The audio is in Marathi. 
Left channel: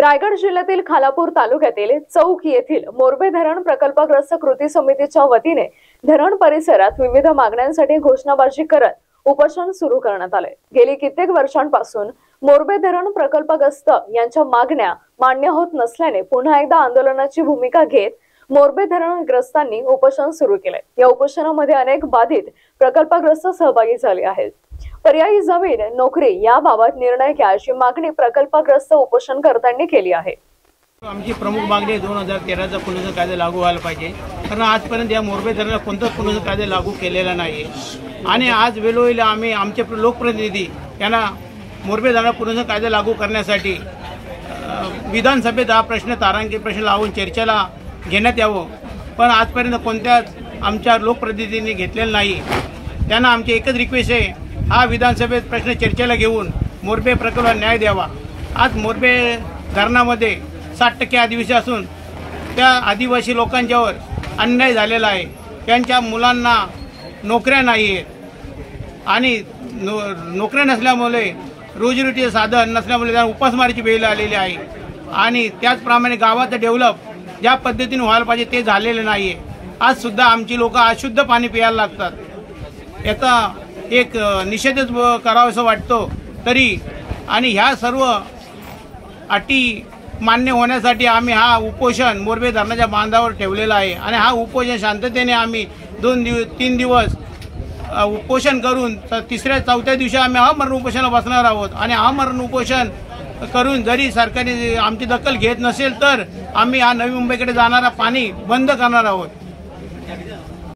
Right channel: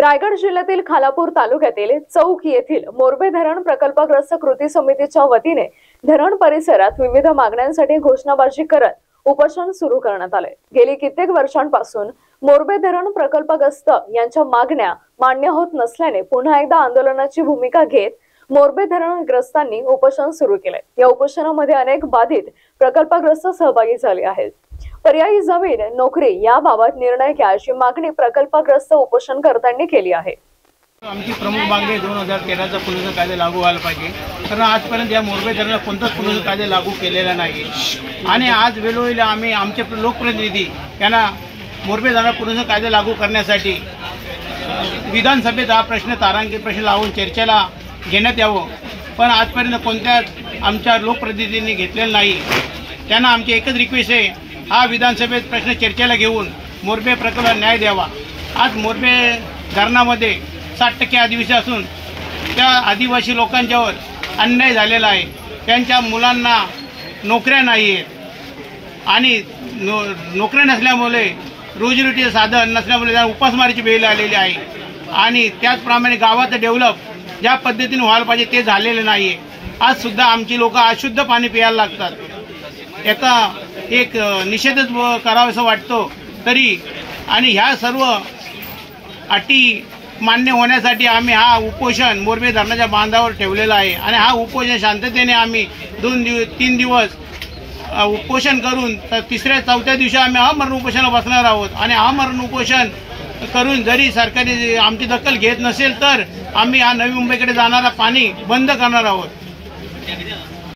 रायगड जिल्ह्यातील खालापूर तालुक्यातील चौक येथील मोरबे धरण प्रकल्पग्रस्त कृती समितीच्या वतीने धरण परिसरात विविध मागण्यांसाठी घोषणाबाजी करत उपोषण सुरू करण्यात आले। गेली कित्येक वर्षांपासून मोरबे धरण प्रकल्पग्रस्त यांच्या मागण्या मान्य होत नसल्याने पुन्हा एकदा आंदोलनाची भूमिका घेत मोरबे धरणग्रस्तांनी उपोषण सुरू केले। या उपोषणामध्ये अनेक बाधित प्रकल्पग्रस्त सहभागी झाले आहेत। पर्यायी जमीन नोकरी याबाबत निर्णय घ्या अशी मागणी प्रकल्पग्रस्त उपोषणकर्त्यांनी केली आहे। आमची प्रमुख मागणी 2013चा पुनर्वसन कायदा लागू व्हायला पाहिजे, कारण आजपर्यंत या मोरबे धरणाला कोणताच पुनर्वसन कायदा लागू केलेला नाही आणि आज वेळोवेळी आम्ही आमचे लोकप्रतिनिधी यांना मोरबे धरण पुनर्वसन कायदा लागू करण्यासाठी विधानसभेत हा प्रश्न तारांकित प्रश्न लावून चर्चेला घेण्यात यावं, पण आजपर्यंत कोणत्याच आमच्या लोकप्रतिनिधींनी घेतलेलं नाही। त्यांना आमची एकच रिक्वेस्ट आहे, हा विधानसभेत प्रश्न चर्चेला घेऊन मोरबे प्रकल्पाला न्याय द्यावा। आज मोरबे धरणामध्ये 60% आदिवासी असून त्या आदिवासी लोकांच्यावर अन्याय झालेला आहे। त्यांच्या मुलांना नोकऱ्या नाही आहेत आणि नोकऱ्या नसल्यामुळे रोजीरोटीचे साधन नसल्यामुळे त्यांना उपासमारीची वेळ आलेली आहे आणि त्याचप्रमाणे गावाचं डेव्हलप ज्या पद्धतीने व्हायला पाहिजे ते झालेलं नाही आहे। आज सुद्धा आमची लोक अशुद्ध पाणी प्यायला लागतात। याचा एक निषेधच करावासा वाटतो तरी आणि ह्या सर्व अटी मान्य होण्यासाठी आम्ही हा उपोषण मोरबे धरणाच्या बांधावर ठेवलेला आहे आणि हा उपोषण शांततेने आम्ही 3 दिवस उपोषण करून तिसऱ्या चौथ्या दिवशी आम्ही आमरण उपोषणाला बसणार आहोत आणि आमरण उपोषण करून जरी सरकारने आमची दखल घेत नसेल तर आम्ही हा नवी मुंबईकडे जाणारा पाणी बंद करणार आहोत।